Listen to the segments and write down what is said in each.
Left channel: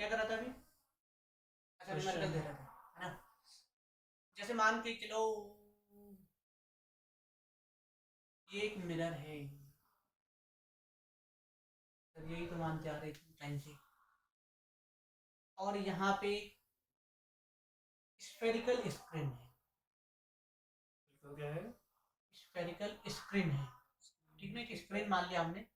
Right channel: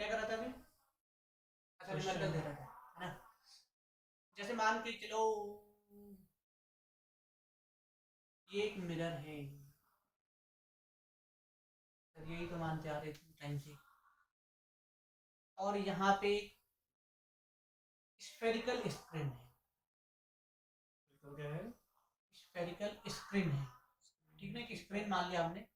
क्या कर रहा था अभी? अच्छा न्यूमेरिकल दे रहा था, है ना? जैसे मान के चलो ये एक मिरर है, तो यही तो मानते आ रहे थे टाइम से। और यहाँ पे स्फेरिकल स्क्रीन है, तो क्या है? स्फेरिकल स्क्रीन है, ठीक ना? एक स्क्रीन मान लिया हमने।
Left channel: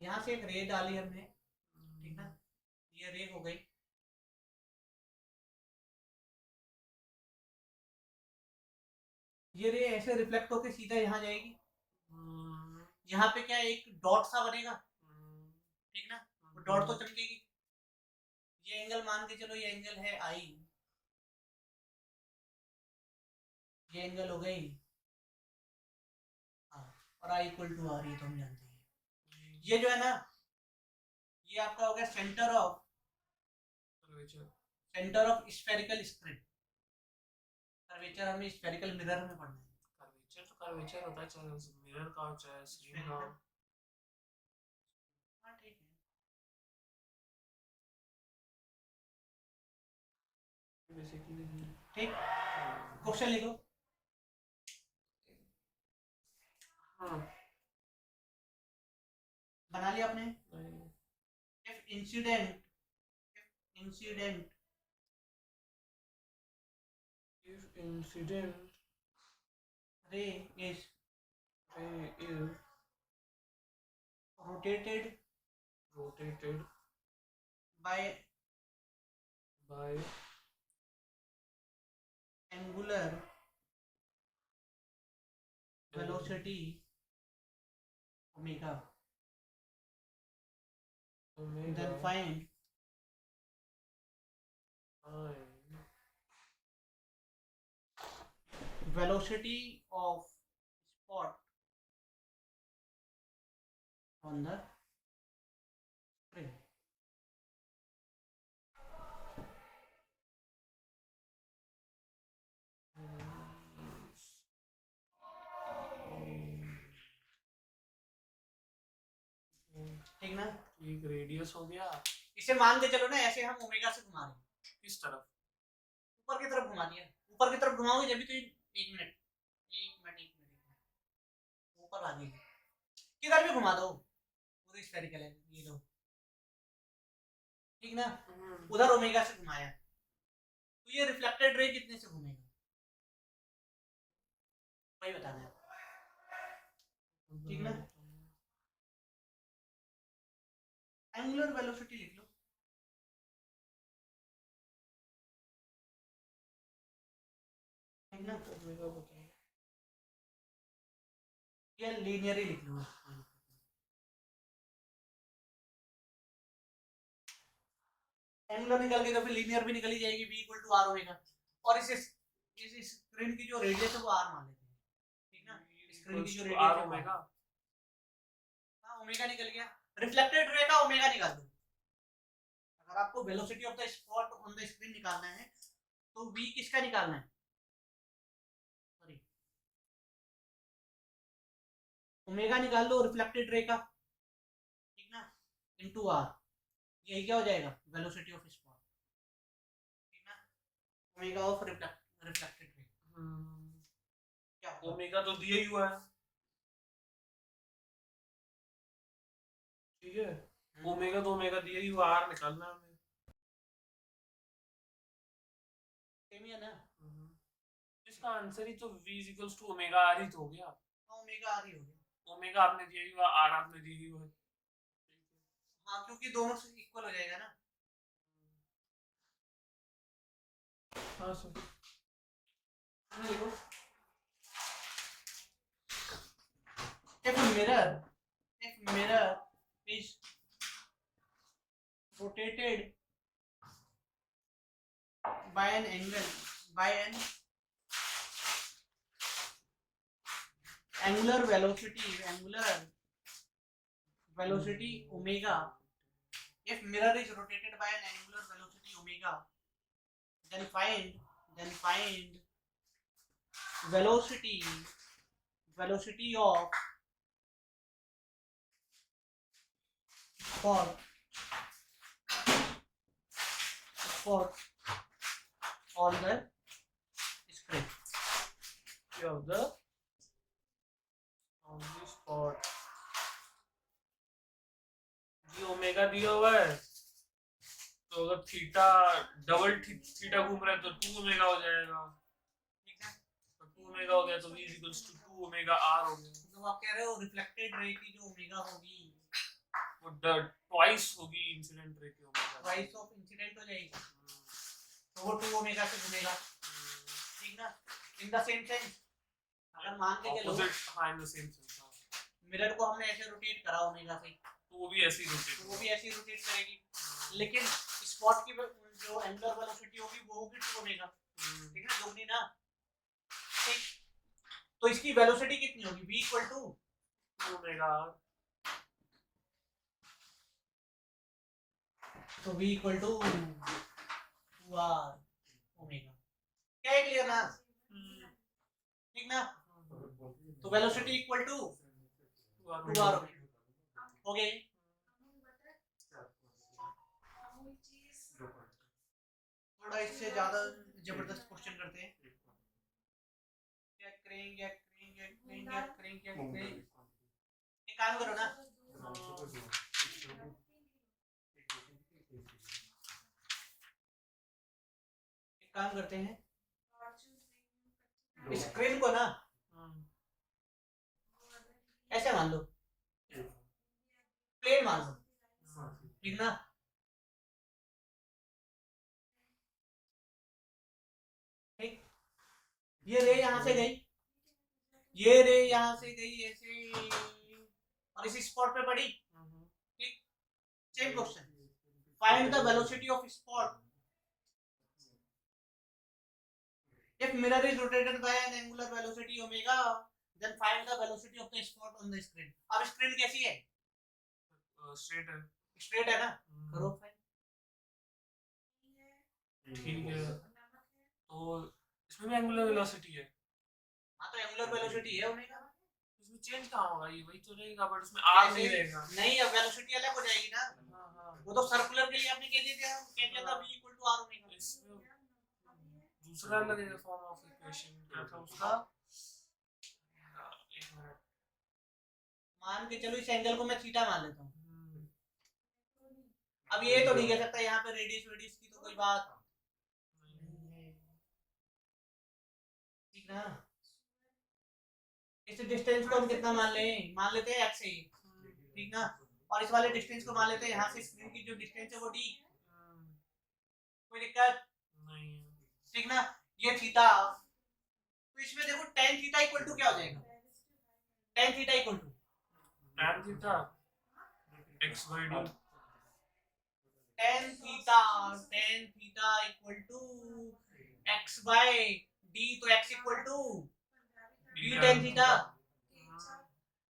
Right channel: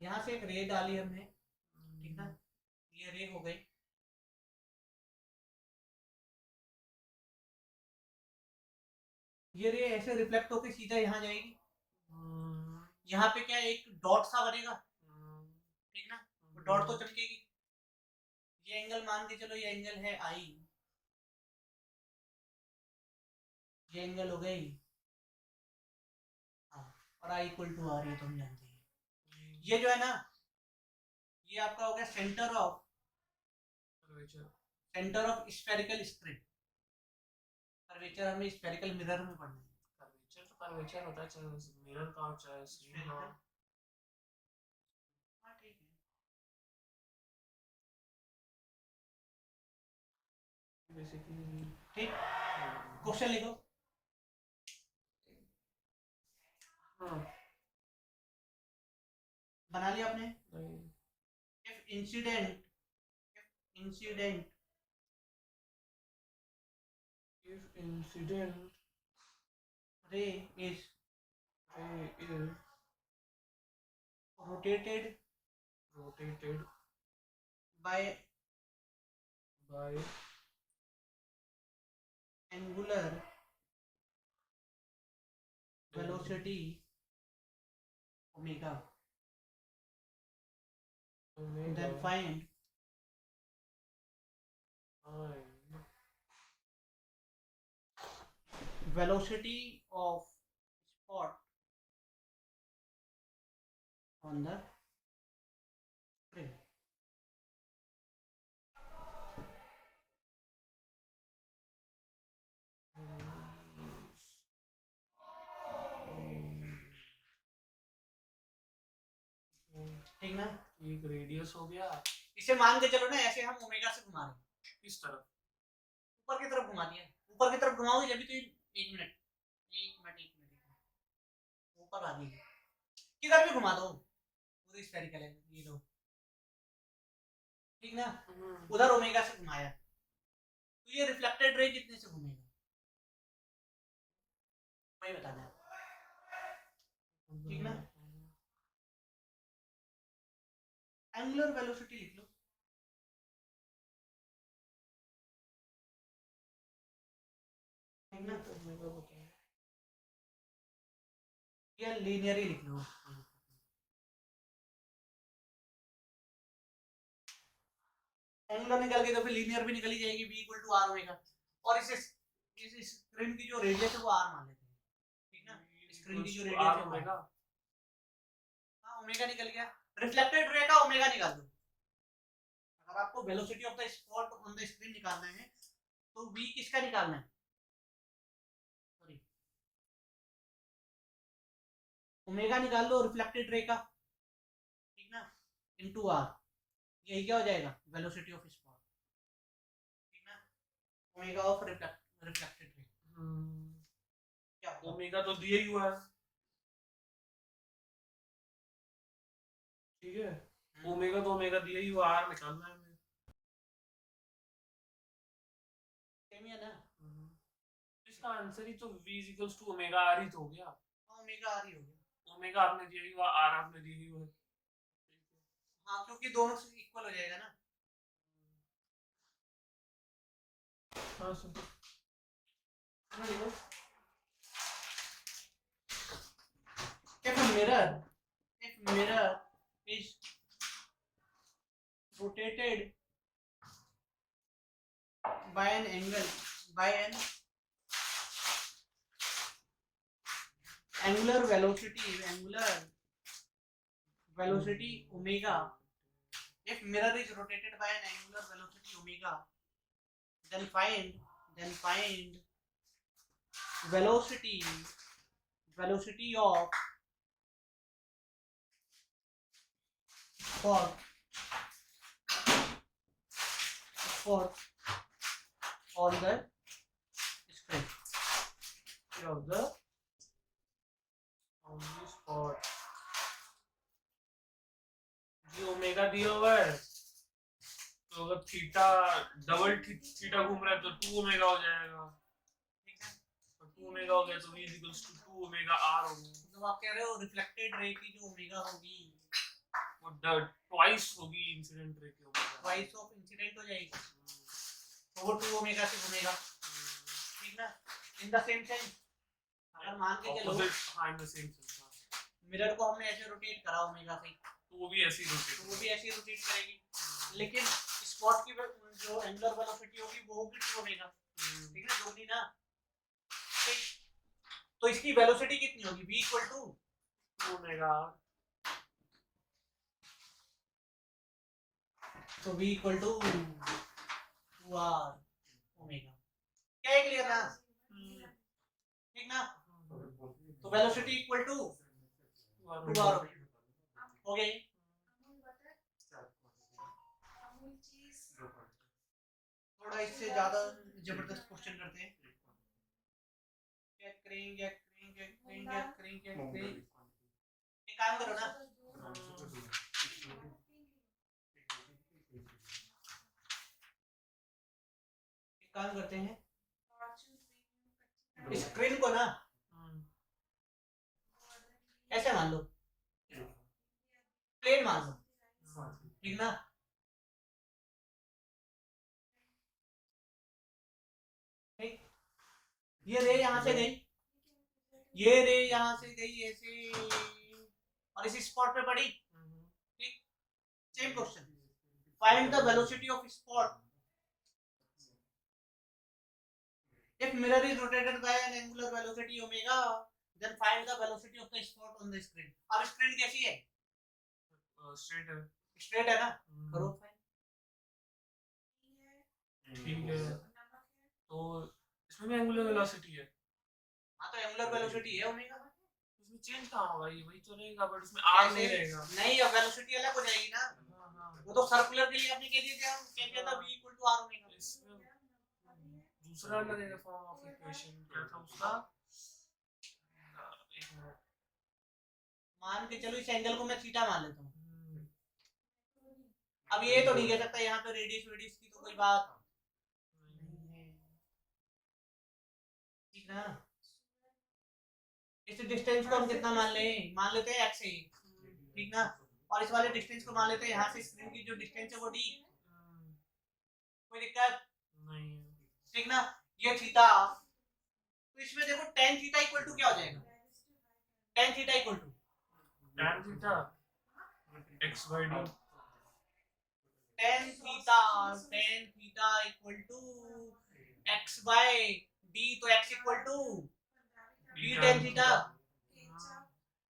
यहाँ से एक रे डाली हमने, ठीक ना? ये रे हो गई। ये रे ऐसे रिफ्लेक्ट होके सीधा यहाँ जाएगी। यहाँ पे क्या एक डॉट सा बनेगा, ठीक ना? वो डॉट तो चमकेगी। ये एंगल मान के चलो, ये एंगल है आई, ये एंगल हो गई, हाँ। और आई इक्वल टू आर, ये तो हम जानते हैं। ये जो है ना, ये आपका हो गया centre of spherical screen. Curvature हमें स्फेरिकल मिरर में पढ़ना है। कर्वेचर तो कर्वेचर होता है, चाहे मिरर का हो चाहे स्क्रीन का हो। हाँ ठीक है, बेसिकली ठीक। क्वेश्चन लिखो। हाँ बना लिया आपने? भाई, if incident if incident ray is ray is rotated rotated by by angular velocity omega, omega, then find velocity of spot on the screen. ठीक ना? एक रेडियस हो गया। इसे मान के चलो ना, ऐसे हम ओमेगा से घुमा रहे हैं, किस तरफ? ऊपर की तरफ घुमा दिया। ऊपर की तरफ घुमाओगे जब भी तो एक मिनट, ऊपर आ गई, किधर भी घुमा दो पूरी स्फेरिकल है ये दो, ठीक ना? उधर ओमेगा से घुमाया, तो ये रिफ्लेक्टेड रे कितने से घूमेगा, वही बताना है, ठीक ना? एंगुलर वेलोसिटी लिख लो, ठीक ना? या लीनियर ही लिख लो, एंगुलर निकल गई तो फिर लीनियर भी निकल ही जाएगी, बी इक्वल टू आर होएगा। और इस स्क्रीन की जो रेडियस है वो आर मान लेते हैं, ठीक ना? स्क्रीन की जो रेडियस है ओमेगा, हाँ ओमेगा निकल गया। रिफ्लेक्टेड रे का ओमेगा निकाल दो। अगर आपको velocity of the spot on the screen निकालना है तो वी किसका निकालना है, सॉरी ओमेगा निकाल लो रिफ्लेक्टेड रे का, ठीक ना? इनटू आर, यही क्या हो जाएगा, वेलोसिटी ऑफ स्पॉट, ठीक ना? ओमेगा ऑफ रिफ्लेक्टेड रे क्या होगा? ओमेगा तो दिया ही हुआ है, ठीक है। ओमेगा तो ओमेगा दिया ही हुआ, आर निकालना है हमें। सेम ही है ना? इसका आंसर ही तो v equals to omega R ही तो हो गया। हाँ ओमेगा आर ही हो गया, ओमेगा आपने दिया ही हुआ, आर आपने दी ही हुआ। हाँ क्योंकि दोनों से इक्वल हो जाएगा ना। हाँ सर। देखो, if mirror is rotated by an angular velocity omega, if mirror is rotated by an angular velocity omega, then find velocity of spot on the screen of the on the spot जी omega दिया हुआ है तो अगर theta double theta घूम रहा है तो 2 ओमेगा हो जाएगा तो 2 ओमेगा हो गया तो v equals to 2 omega r हो गया तो आप कह रहे हो रिफ्लेक्टेड रे की जो ओमेगा होगी वो ट्वाइस होगी इंसिडेंट रे की ओमेगा ट्वाइस ऑफ इंसिडेंट हो जाएगी तो वो 2 ओमेगा से घूमेगा ठीक ना इन द सेम सेंस अगर मान के चलो हां in the same sense mirror को हमने ऐसे रोटेट करा ओमेगा से तो वो भी ऐसे ही रोटेट करेगी लेकिन स्पॉट की जो एंगुलर वेलोसिटी होगी वो होगी 2 ओमेगा ठीक ना दोगुनी ना ठीक तो इसकी वेलोसिटी कितनी होगी v इक्वल टू 2 ओमेगा तो v equal to 2r omega क्या है क्लियर ना ठीक ना तो वेलोसिटी इक्वल टू 2r हो गई थोड़ा इससे ज्यादा जबरदस्त क्वेश्चन करते हैं चेक करें एक काम करो ना एक काम करते हैं स्क्रीन को ना ऐसे मान लो प्लेन मान लो ठीक ना ठीक ये रे यहाँ से गई ये रे यहाँ से गई ऐसे और इसी स्पॉट पे पड़ी ठीक same question find the velocity of spot if mirror is rotated by an angular velocity omega then find the velocity of the spot on the screen अब स्क्रीन कैसी है स्ट्रेट है ना करो फाइन ठीक है तो इसमें भी एंगुलर वेलोसिटी है हाँ तो एंगुलर वेलोसिटी है ओमेगा इसमें चेंज कहाँ होगा ये वही तो रहेगा बट उसमें r नहीं रहेगा नहीं अब वेलोसिटी अलग हो जाएगी ना वो तो सर्कुलर के लिए आपने कह दिया था v equal to r omega इसमें दूसरा लगेगा फॉर्म ऑफ इक्वेशन क्या था उसका एक मिनट मान के चलो इस एंगल को मैं थीटा मान लेता हूँ अब ये तो नहीं कह सकता यहाँ पे रेडियस की तो कोई बात नहीं है ठीक ना इस डिस्टेंस को हम कितना मान लेते हैं x ठीक ना और इस वाले डिस्टेंस को मान लेते हैं यहाँ से स्क्रीन की जो डिस्टेंस है वो d कोई दिक्कत नहीं ठीक ना ये थीटा तो इसमें देखो tan थीटा इक्वल टू क्या हो जाएगा tan theta equal to tan theta x by d tan theta equal to x by d तो x equal to d tan theta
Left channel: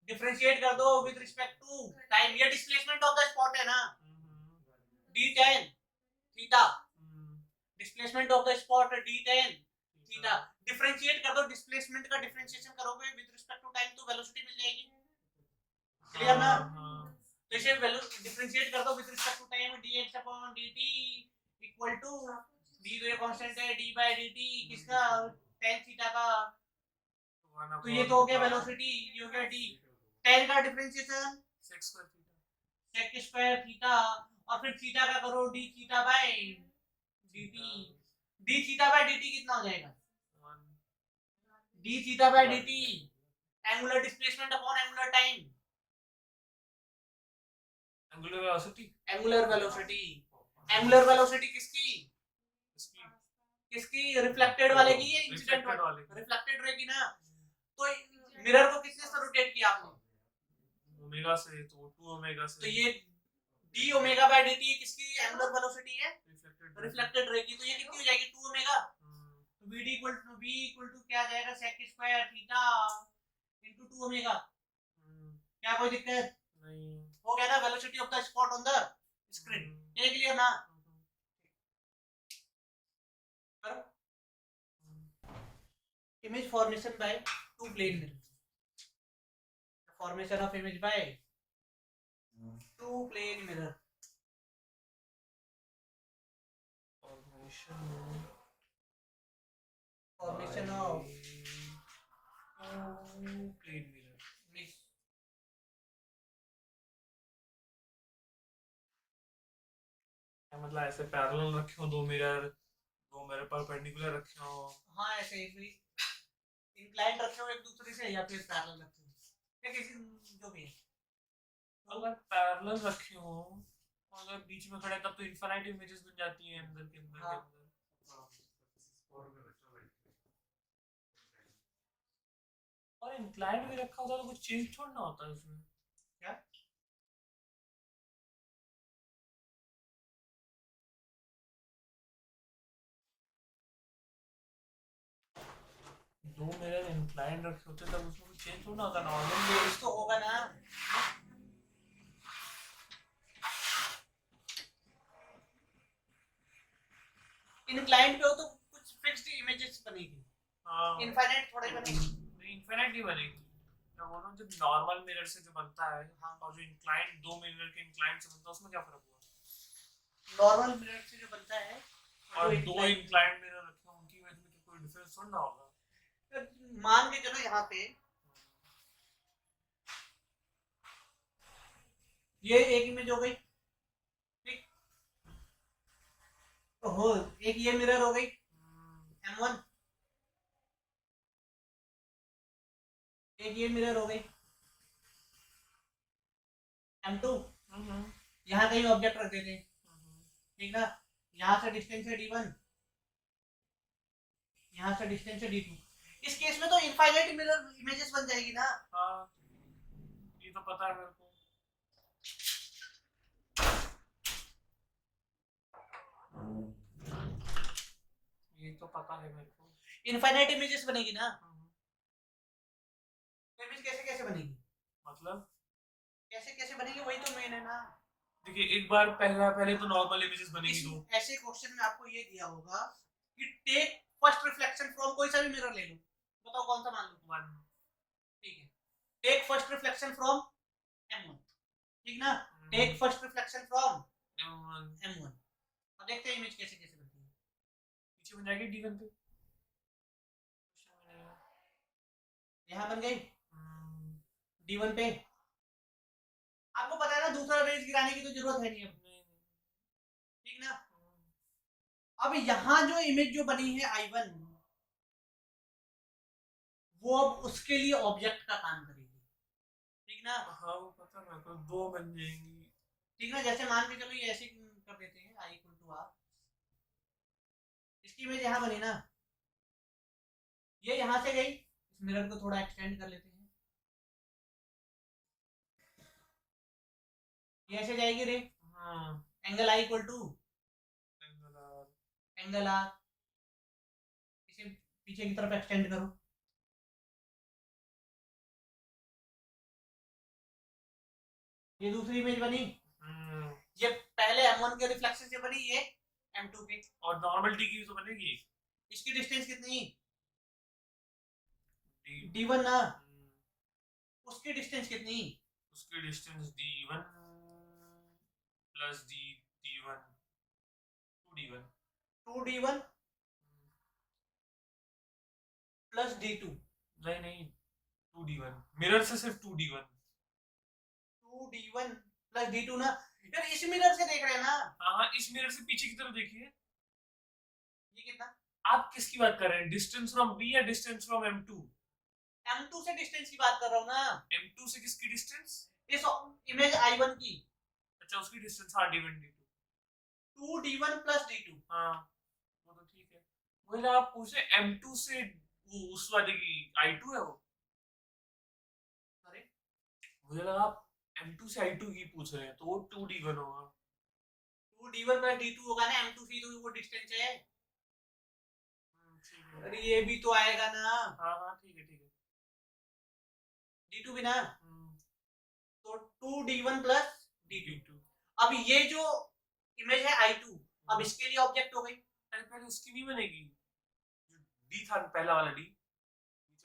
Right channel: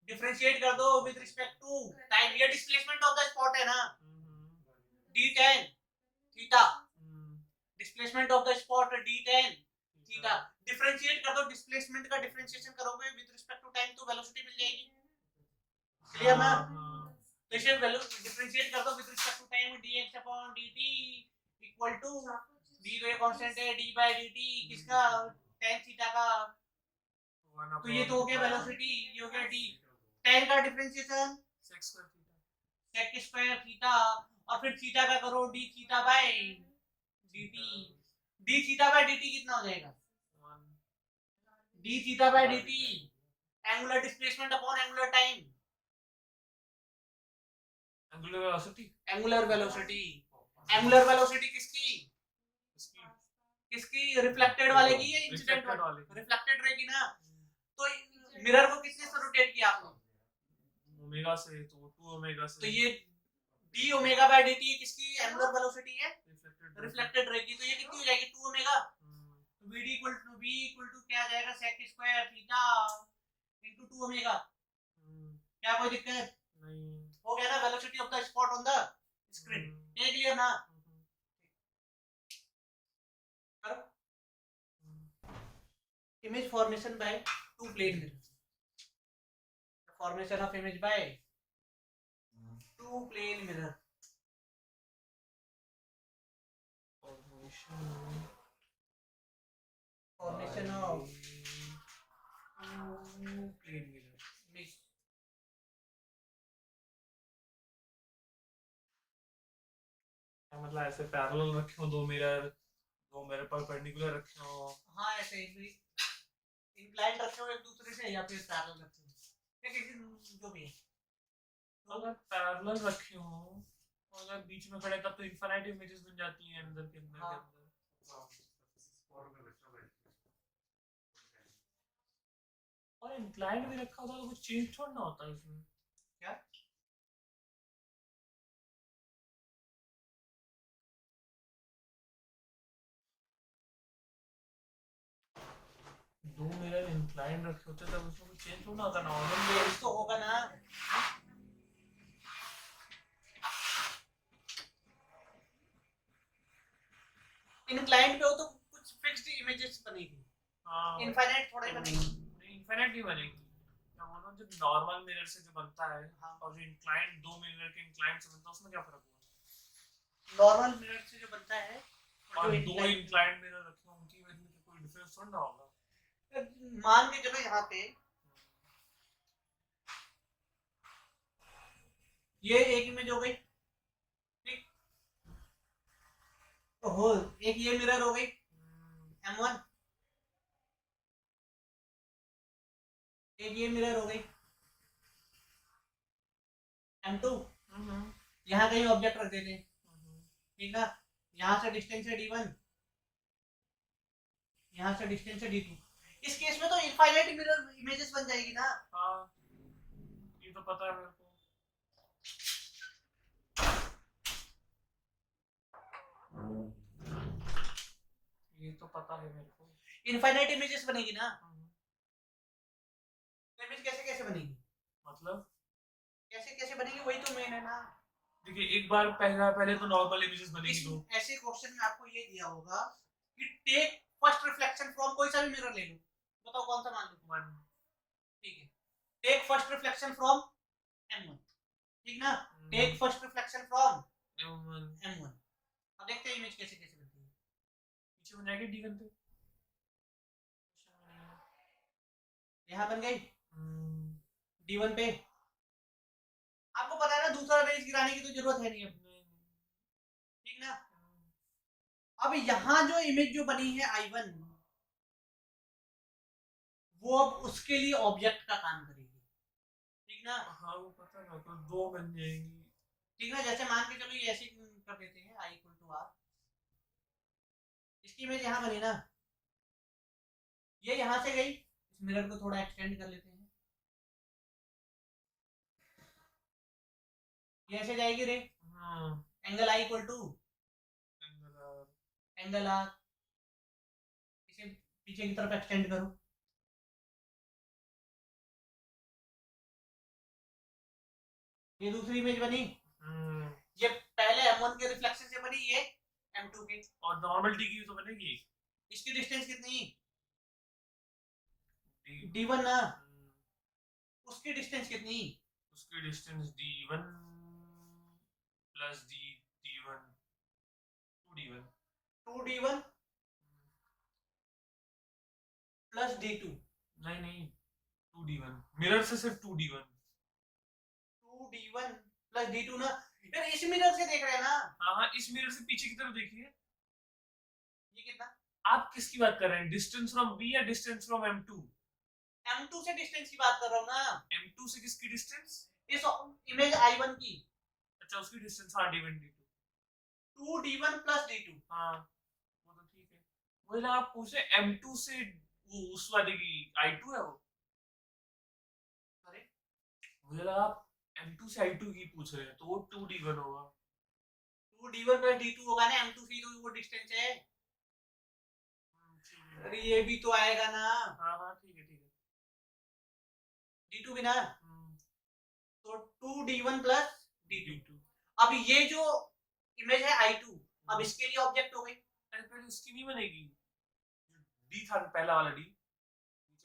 differentiate कर दो विद रिस्पेक्ट टू टाइम ये displacement of the spot है ना d tan theta displacement of the spot d tan theta differentiate कर दो displacement का differentiation करोगे विद रिस्पेक्ट टू टाइम तो वेलोसिटी मिल जाएगी क्लियर ना तो इसे डिफरेंशिएट कर दो with respect to time dx upon dt equal to d तो ये कांस्टेंट है d बाय dt किसका tan थीटा का तो ये तो हो गया वेलोसिटी ये हो गया d tan का डिफरेंशिएशन sec स्क्वायर थीटा और फिर थीटा का करो d theta by dt d theta by dt कितना हो जाएगा d theta by dt angular displacement upon angular time angular velocity किसकी रिफ्लेक्टेड वाले की है इंसिडेंट वाले रिफ्लेक्टेड रहेगी ना तो मिरर को किसने से रोटेट किया आपने ओमेगा से तो 2 ओमेगा से तो ये d ओमेगा बाय dt किसकी एंगुलर वेलोसिटी है रिफ्लेक्टेड रहेगी तो ये कितनी हो जाएगी 2 ओमेगा तो v इक्वल टू क्या आ जाएगा sec square theta into 2 omega क्या कोई दिक्कत नहीं हो गया ना velocity of the spot on the screen ये क्लियर ना करो image formation by two plane mirror. The formation of image by two plane mirror. Formation of plane mirror. image. मतलब ऐसे पैरेलल रखे हो दो मिरर परपेंडिकुलर रखे हो। हाँ ऐसे इंक्लाइन रखे हो एक दूसरे से या फिर पैरेलल रखे हो या किसी जो भी है। अगर पैरेलल रखे हो अगर बीच में खड़े तब तो इनफाइनाइट इमेजेस बन जाती हैं अंदर के अंदर हाँ। के अंदर। और इंक्लाइंड भी रखा होता तो कुछ चेंज थोड़ा ना होता इसमें। क्या दो मिरर इंक्लाइंड रखे होते तब उसमें कुछ चेंज थोड़ा ना होता नॉर्मल इसको होगा ना। इंक्लाइन पे हो तो कुछ फिक्स्ड इमेजेस बनेगी, हाँ इनफाइनाइट थोड़ा ही बनेगी। नहीं इनफाइनाइट नहीं बनेगी। मैं बोल रहा हूँ जो नॉर्मल मिरर से जो बनता है हाँ। और जो इंक्लाइंड दो मिरर के इंक्लाइंड से बनता है उसमें क्या फर्क हुआ? नॉर्मल मिरर से जो बनता है और दो इंक्लाइंड मिरर रखे हो उनकी वजह से कोई डिफरेंस थोड़ा ना होगा। मान के चलो यहाँ पे ये एक इमेज हो गई, ठीक। हो एक ये मिरर हो गई M1, एक ये मिरर हो गई M2। यहाँ कहीं ऑब्जेक्ट रख देते हैं, ठीक ना। यहाँ से डिस्टेंस है D1, यहाँ से डिस्टेंस है D2। इस केस में तो इनफाइनाइट मिरर इमेजेस बन जाएगी ना। हाँ ये तो पता है मेरे को। ये तो पता है मेरे को। इनफाइनाइट इमेजेस बनेगी ना। इमेज कैसे कैसे बनेगी, मतलब कैसे कैसे बनेगी वही तो मेन है ना। देखिए एक बार पहले तो नॉर्मल इमेजेस बनेगी दो। ऐसे क्वेश्चन में आपको ये दिया होगा कि टेक फर्स्ट रिफ्लेक्शन फ्रॉम कोई सा भी मिरर ले लो, बताओ कौन सा मान लो। 1 ठीक है, take first reflection from M1, ठीक ना। Take first reflection from M1। अब देखते हैं इमेज कैसे कैसे बनती है। पीछे बन जाएगी D1 पे। यहाँ बन गई D1 पे। आपको पता है ना दूसरा रेज गिराने की तो जरूरत है नहीं अब, ठीक ना। अब यहाँ जो इमेज जो बनी है I1 वो अब उसके लिए ऑब्जेक्ट का काम करेगी, ठीक ना। हाँ वो पता है तो दो बन जाएंगी, ठीक ना। जैसे मान के चलो ये ऐसे कर देते हैं I = R, इसकी इमेज यहाँ बनी ना, ये यहाँ से गई, इस मिरर को थोड़ा एक्सटेंड कर लेते हैं, ये ऐसे जाएगी रे। एंगल I = एंगल R, इसे पीछे की तरफ एक्सटेंड करो, ये दूसरी इमेज बनी। ये पहले M1 के रिफ्लेक्शन से बनी, ये M2 के। और नॉर्मल डी की तो बनेगी। इसकी डिस्टेंस कितनी D1 ना, उसकी डिस्टेंस कितनी, उसकी distance D1 plus D1 2D1 2D1 plus D2। नहीं 2D1 मिरर से सिर्फ 2D1 2D1 प्लस D2 ना। यार इस मिरर से देख रहे हैं ना। हाँ इस मिरर से पीछे की तरफ देखिए। ये कितना, आप किसकी बात कर रहे हैं, डिस्टेंस फ्रॉम B या डिस्टेंस फ्रॉम M2? M2 से डिस्टेंस की बात कर रहा हूँ ना। M2 से किसकी डिस्टेंस? इस इमेज I1 की। अच्छा उसकी डिस्टेंस हाँ D1 D2 2D1 plus D2। हाँ वो तो ठीक है। मुझे आप पूछे M2 से वो उस वाले की I2 है वो। अरे मुझे लगा आप M2 से I2 की पूछ रहे हैं तो वो 2D1 होगा। 2D1 प्लस D2 होगा ना, M2 से तो वो डिस्टेंस है। अरे ये भी तो आएगा ना। हाँ ठीक है D2 भी ना, तो 2D1 प्लस D2। अब ये जो इमेज है I2 अब इसके लिए ऑब्जेक्ट हो गई। पहले उसकी नहीं बनेगी, D था पहला वाला D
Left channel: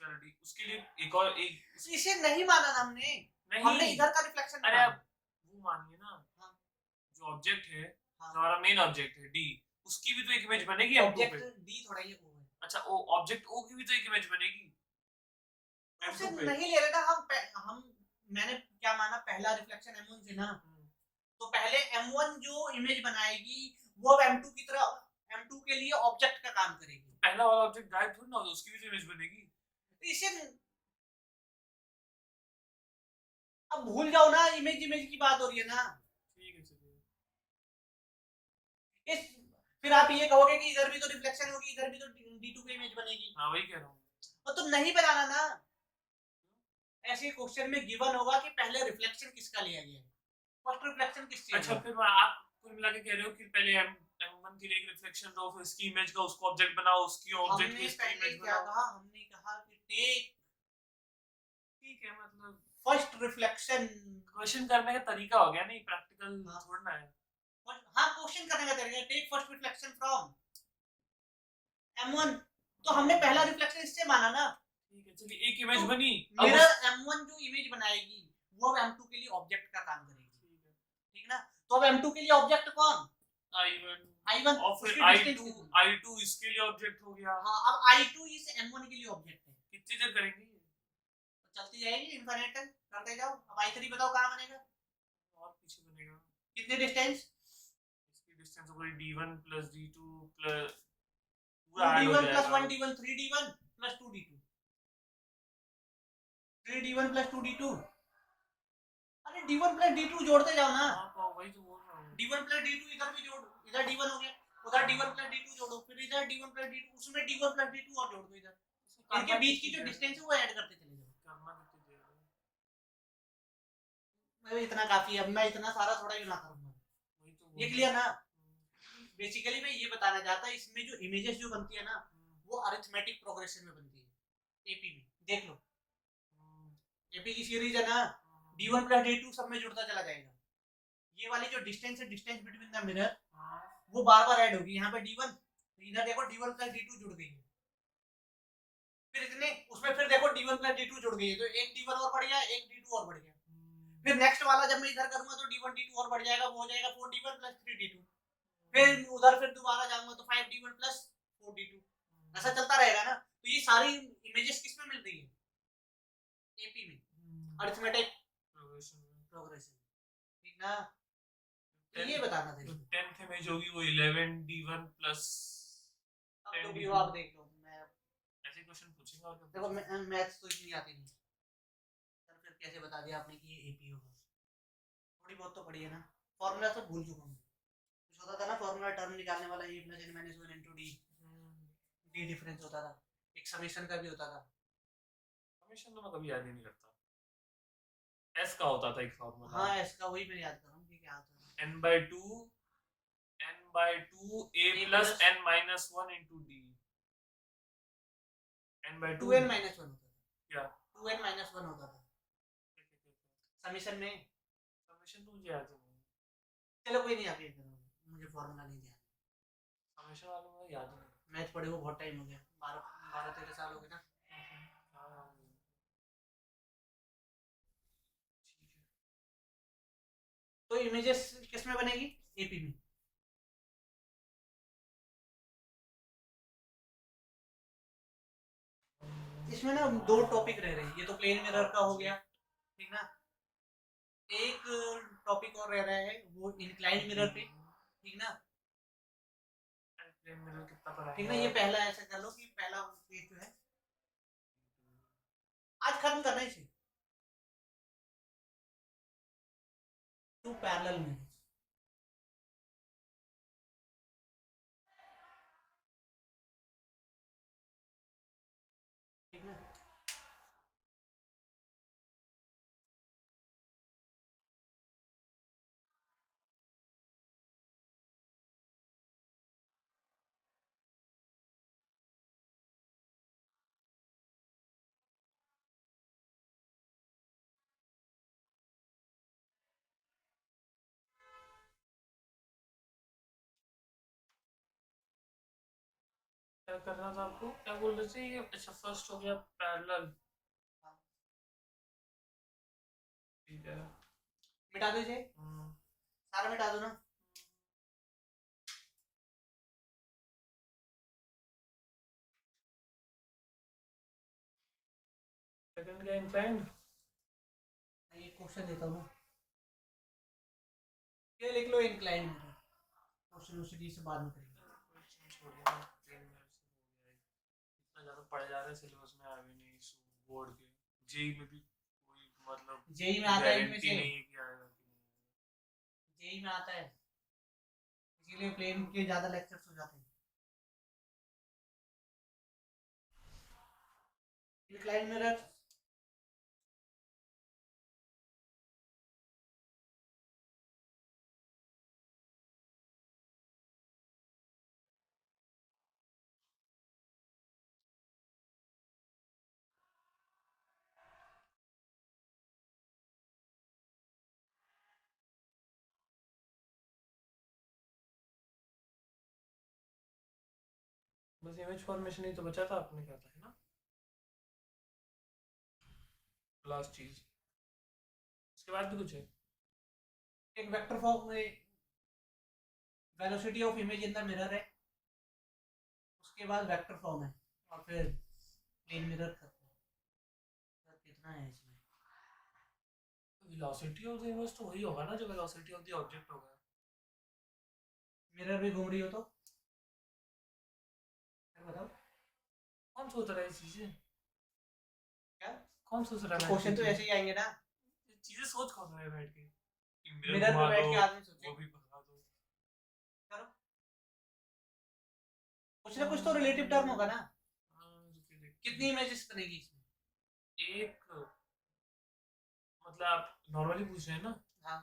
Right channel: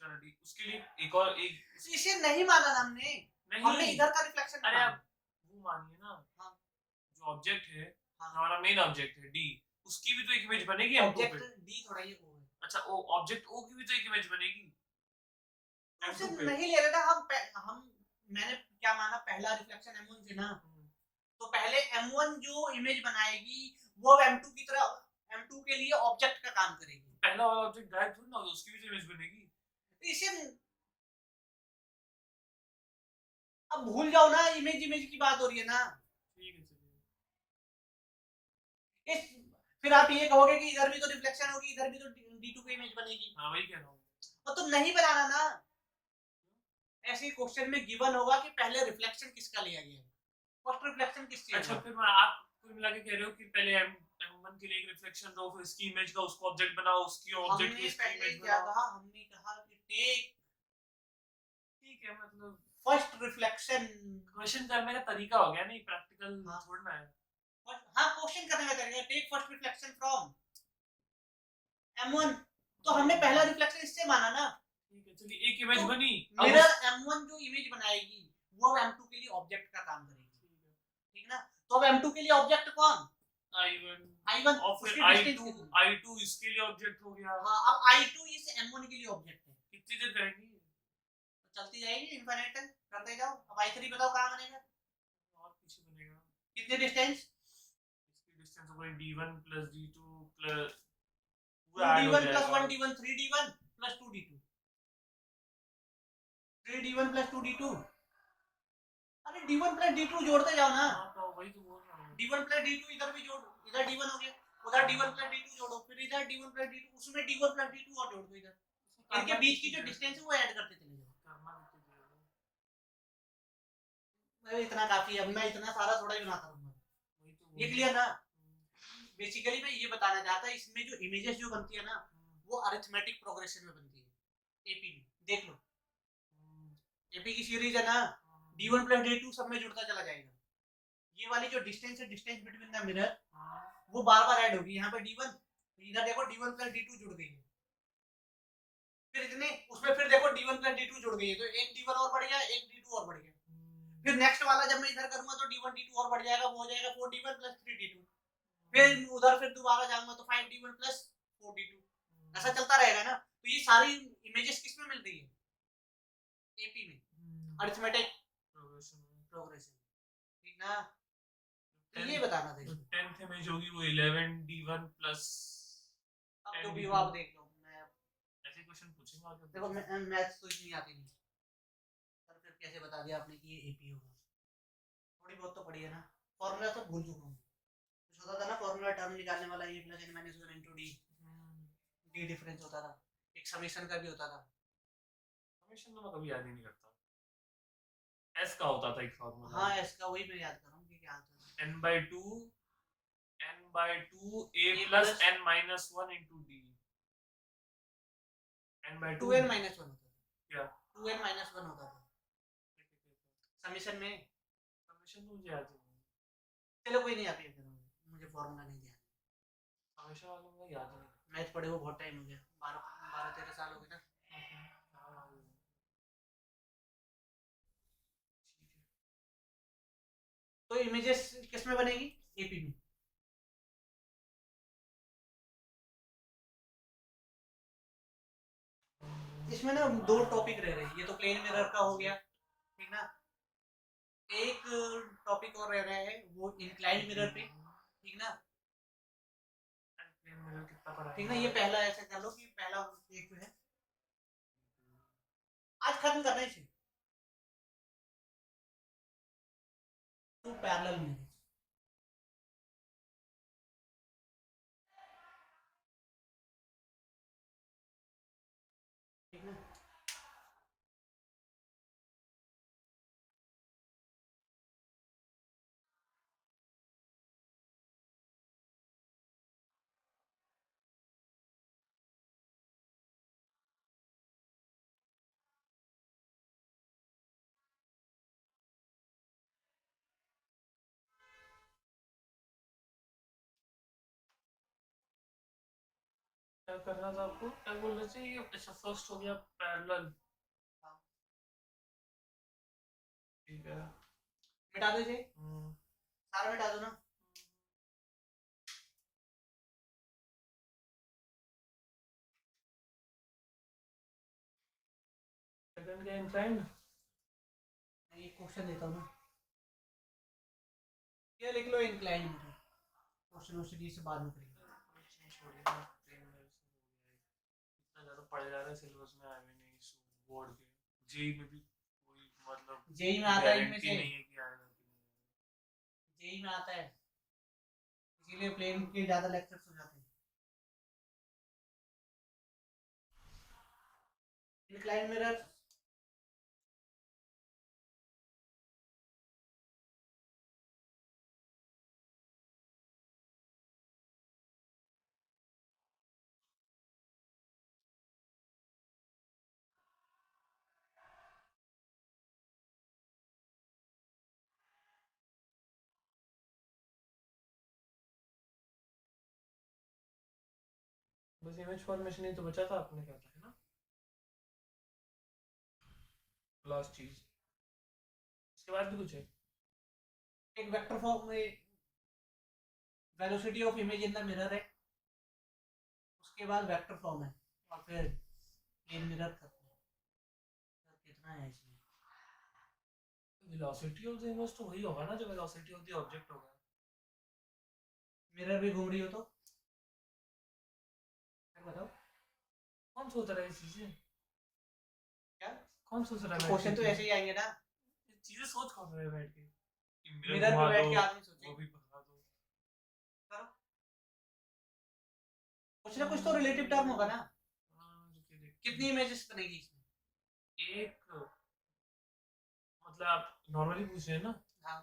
डी उसके लिए एक और एक इसे नहीं माना ना हमने हमने नहीं इधर का रिफ्लेक्शन अरे आप वो मानिए ना हाँ। जो ऑब्जेक्ट है हाँ। हमारा मेन ऑब्जेक्ट है डी उसकी भी तो एक इमेज बनेगी M2 ऑब्जेक्ट पे डी थोड़ा ये O है अच्छा ओ ऑब्जेक्ट ओ की भी तो एक इमेज बनेगी उसे M2 पे नहीं ले रहे ना हम मैंने क्या माना पहला रिफ्लेक्शन M1 से ना तो पहले M1 जो इमेज बनाएगी वो अब M2 की तरह M2 के लिए ऑब्जेक्ट का काम करेगी पहला वाला ऑब्जेक्ट गायब थोड़ी ना होगा उसकी भी तो इमेज बनेगी इसे अब भूल जाओ ना इमेज इमेज की बात हो रही है ना ठीक है चलिए इस फिर आप ये कहोगे कि इधर भी तो रिफ्लेक्शन होगी इधर भी तो D2 की इमेज बनेगी हाँ वही कह रहा हूँ और तो नहीं बनाना ना ऐसे क्वेश्चन में गिवन होगा कि पहले रिफ्लेक्शन किसका लिया गया है फर्स्ट रिफ्लेक्शन किससे अच्छा होगा फिर आप कुल मिला के कह रहे हो कि पहले M1 के लिए एक रिफ्लेक्शन दो फिर इसकी इमेज का उसको ऑब्जेक्ट बनाओ उसकी ऑब्जेक्ट हमने की इसकी पहले इमेज क्या बनाओ कहा हमने कहा कि टेक ठीक है मतलब फर्स्ट रिफ्लेक्शन क्वेश्चन करने का तरीका हो गया नहीं प्रैक्टिकल हाँ। छोड़ना है हाँ क्वेश्चन करने का तरीका take first reflection from M1 तो हमने पहला रिफ्लेक्शन इससे माना ना ठीक है चलिए एक इमेज तो बनी मिरर M1 जो इमेज बनाएगी वो अब M2 के लिए ऑब्जेक्ट का काम करेगी ठीक ना तो अब M2 के लिए ऑब्जेक्ट कौन I1 और फिर I2 इसके लिए ऑब्जेक्ट हो गया हाँ अब I2 इस M1 के लिए ऑब्जेक्ट है कितनी देर करेंगे तो चलती जाएगी इनफाइनाइट तक करते जाओ अब I3 बताओ कहाँ बनेगा और पीछे बनेगा कितने डिस्टेंस इसकी डिस्टेंस हो गई D1 plus D2 plus 2D1 plus 1D1 3D1 plus 2D2 3D1 plus 2D2 अरे D1 plus D2 जोड़ते जाओ ना हाँ वही तो बोल रहा हूँ D1 plus D2 इधर भी जोड़ इधर D1 हो गया उधर D1 plus D2 जोड़ो फिर इधर D1 plus D2 उसमें D1 plus D2 और जोड़ दो इधर इनके बीच की जो डिस्टेंस है वो ऐड करते चले जाओ इतना काफी है अब मैं इतना सारा थोड़ा ही बनाता रहूंगा ये क्लियर ना बेसिकली मैं ये बताना चाहता इसमें जो इमेजेस जो बनती है ना वो अरिथमेटिक प्रोग्रेशन में बनती है एपी में देख लो एपी की सीरीज है ना D1 plus D2 सब में जुड़ता चला जाएगा ये वाली जो डिस्टेंस है डिस्टेंस बिटवीन द मिरर वो बार बार ऐड होगी यहाँ पे D1 इधर देखो D1 plus D2 जुड़ गई है फिर इतने उसमें फिर देखो D1 plus D2 जुड़ गई है तो एक D1 और बढ़ गया एक D2 और बढ़ गया फिर नेक्स्ट वाला जब मैं इधर करूंगा तो D1 D2 और बढ़ जाएगा वो हो जाएगा 4D1 plus 3D2 फिर उधर फिर दोबारा जाऊंगा तो 5D1 plus 4D2 ऐसा चलता रहेगा ना तो ये सारी इमेजेस किस में मिल रही है एपी में अरिथमेटिक प्रोग्रेशन ठीक ना तो ये बताना था 10th इमेज होगी वो 11D1 प्लस अब तो भी आप देख लो मैं ऐसे क्वेश्चन पूछेंगे और देखो मैथ्स तो इतनी आती नहीं सर फिर कैसे बता दिया आपने कि ये एपी होगा थोड़ी बहुत तो पढ़ी है ना फॉर्मूला तो भूल चुका हूँ कुछ होता था ना फॉर्मूला टर्म निकालने वाला a plus n minus one into d d difference होता था एक समेशन का भी होता था समेशन तो मैं कभी याद ही नहीं करता एस का होता था एक फॉर्मूला हाँ एस का वही मैं याद कर रहा हूँ कि क्या होता है n/2 a plus n minus 1 into d n/2 2n minus 1 होता था क्या 2n minus 1 होता था समेशन में समेशन तो मुझे याद नहीं चलो कोई नहीं आप ये करो मुझे फॉर्मूला नहीं ध्यान समेशन वालों को याद नहीं मैथ पढ़े वो बहुत टाइम हो गया 12-13 साल हो गए ना तो इमेजेस किस में बनेगी एपी में इसमें ना दो टॉपिक रह रहे हैं ये तो प्लेन मिरर का हो गया ठीक ना एक टॉपिक और रह रहा है वो इंक्लाइंड मिरर पे ठीक ना ठीक ना ये पहला ऐसा कर लो कि पहला एक जो है आज खत्म करना है इसे टू पैरेलल में ठीक ना क्या करना था आपको, क्या बोल रहे थे ये? अच्छा फर्स्ट हो गया पैरेलल, हाँ, ठीक है। मिटा दो इसे, हम्म, सारा मिटा दो ना। सेकंड क्या इंक्लाइंड? मैं ये क्वेश्चन देता हूँ ना, ये लिख लो इंक्लाइन मिरर, क्वेश्चन वोश्चन ये सब बाद में करेंगे। छोड़िए ना, 3 मिनट से हो गया है। इतना ज़्यादा पढ़ जा रहा है, सिलेबस में आया भी नहीं बोर्ड के। जेई में भी कोई मतलब जेई में आता है इनमें गारंटी से, नहीं है कि आएगा कि नहीं आएगा। जेई में आता है, इसीलिए प्लेन के ज्यादा लेक्चर्स हो जाते हैं। इंक्लाइन मिरर, बस इमेज फॉर्मेशन ही तो बचा था, आपने कहा था, है ना? लास्ट चीज, इसके बाद भी कुछ है? एक वेक्टर फॉर्म में velocity of image in the mirror है, उसके बाद वेक्टर फॉर्म है, और फिर प्लेन मिरर खत्म है। सर कितना है इसमें? वेलोसिटी ऑफ द इमेज तो वही होगा ना जो वेलोसिटी ऑफ द ऑब्जेक्ट होगा। मिरर भी घूम रही हो तो सर बताओ कौन सोच रहा है ये चीजें? क्या, कौन सोच रहा है क्वेश्चन तो ऐसे ही आएंगे ना, चीजें सोच कौन रहा है बैठ के कि मिरर मिरर पे घुमा बैठ दो, के आदमी वो सोचेगा। भी घुमा दो। करो, कुछ ना कुछ तो रिलेटिव टर्म होगा ना। रुकिए देखते कितनी हैं। इमेजेस बनेगी इसमें? एक मतलब आप नॉर्मली पूछ रहे हैं ना, हाँ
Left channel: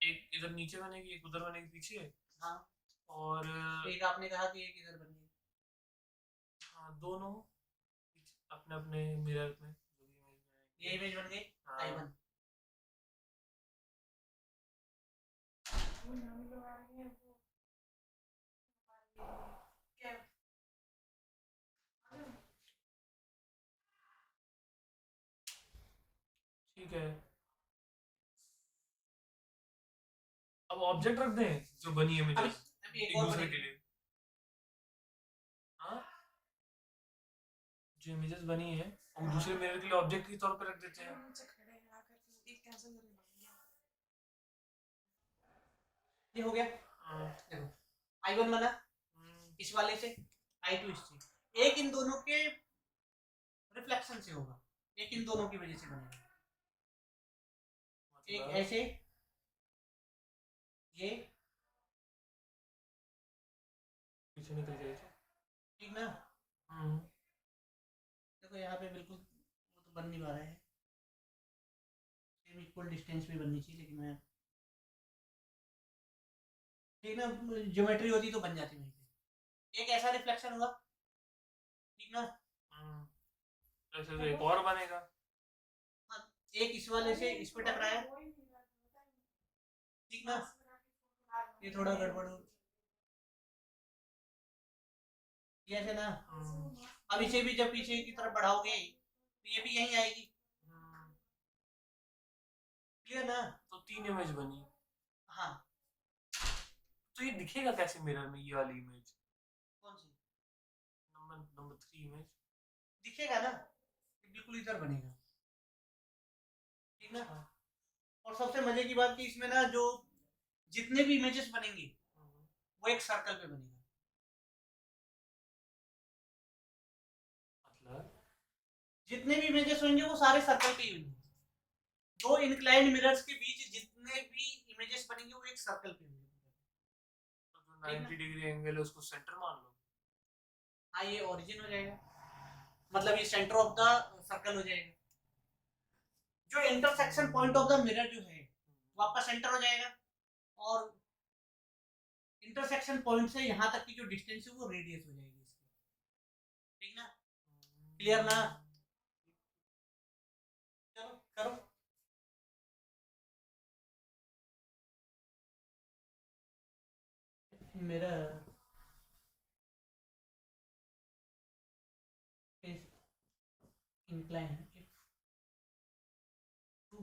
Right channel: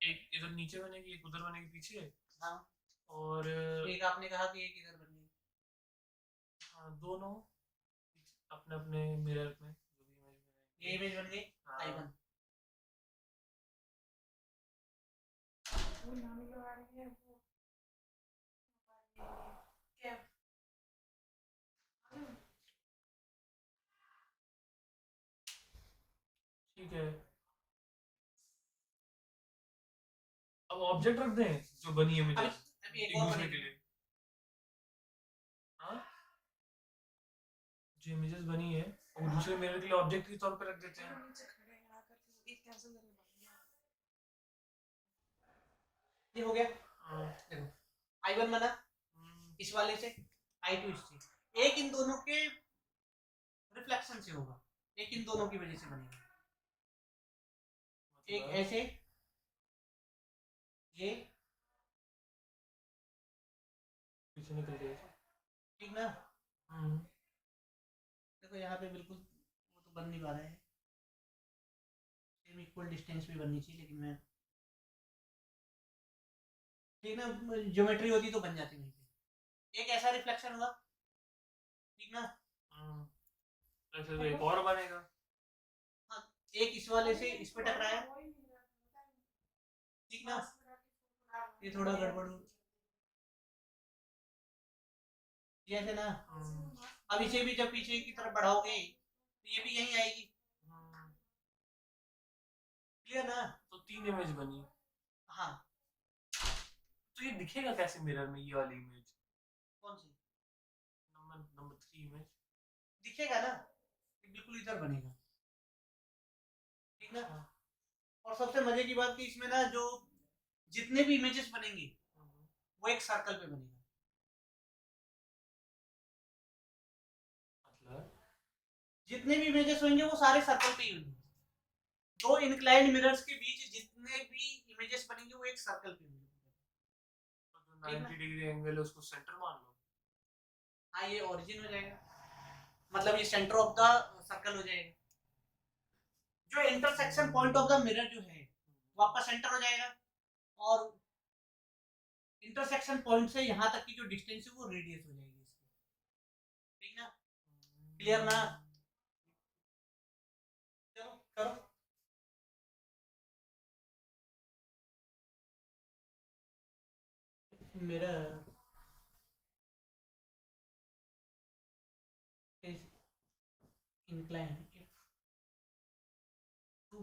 एक इधर नीचे बनेगी, एक उधर बनेगी पीछे, हाँ, और एक आपने कहा कि एक इधर बनेगी। हाँ दोनों अपने अपने मिरर में जो भी इमेज ये इमेज बन गई आई बनाएंगे। वन। ठीक है, अब ऑब्जेक्ट रख दें जो बनी अभी इमेजेस अभी एक एक और दूसरे के बनेगी। लिए। हाँ, जो इमेजेस बनी है वो दूसरे मिरर के लिए ऑब्जेक्ट के तौर पे रख देते हैं। ये हो गया, हाँ, देखो आई वन बना हम्म, इस वाले से, आई टू इससे, एक इन दोनों के रिफ्लेक्शन से होगा, एक इन दोनों की वजह से बनेगा। एक मतलब ऐसे, ये पीछे निकल गए थे। ठीक ना। हम्म, देखो यहाँ पे बिल्कुल वो तो बन नहीं पा रहा है, सेम इक्वल डिस्टेंस भी बननी चाहिए, लेकिन मैं ठीक ना, ज्योमेट्री होती तो बन जाती वहीं पे। एक ऐसा रिफ्लेक्शन हुआ, ठीक ना। हम्म, ऐसे एक और बनेगा। हाँ, एक इस वाले से इस पे टकराया, ठीक ना। ये थोड़ा गड़बड़ हो, ये ऐसे ना। हम्म, अब इसे भी जब पीछे की तरफ बढ़ाओगे तो ये भी यहीं आएगी, हम्म, क्लियर ना। तो 3 इमेज बनी। हाँ, तो ये दिखेगा कैसे मिरर में, ये वाली इमेज? कौन सी नंबर नंबर 3 इमेज। दिखेगा ना, ये बिल्कुल इधर बनेगा, ठीक ना। अच्छा, और सबसे मजे की बात कि इसमें ना जो जितने भी इमेजेस बनेंगे हम्म, वो एक सर्कल पे बनेगा। मतलब जितने भी इमेजेस होंगे वो सारे सर्कल पे ही होंगे। दो इंक्लाइंड मिरर्स के बीच जितने भी इमेजेस बनेंगे वो एक सर्कल पे होंगे, तो जो ठीक ना। 90 डिग्री एंगल है उसको सेंटर मान लो। हाँ, ये ओरिजिन हो जाएगा, मतलब ये सेंटर ऑफ द सर्कल हो जाएगा। जो intersection point of the mirror जो है वो आपका सेंटर हो जाएगा, और इंटरसेक्शन पॉइंट से यहाँ तक की जो डिस्टेंस है वो रेडियस हो जाएगी इसकी, ठीक ना। क्लियर ना। चलो करो। Mirror inclined if two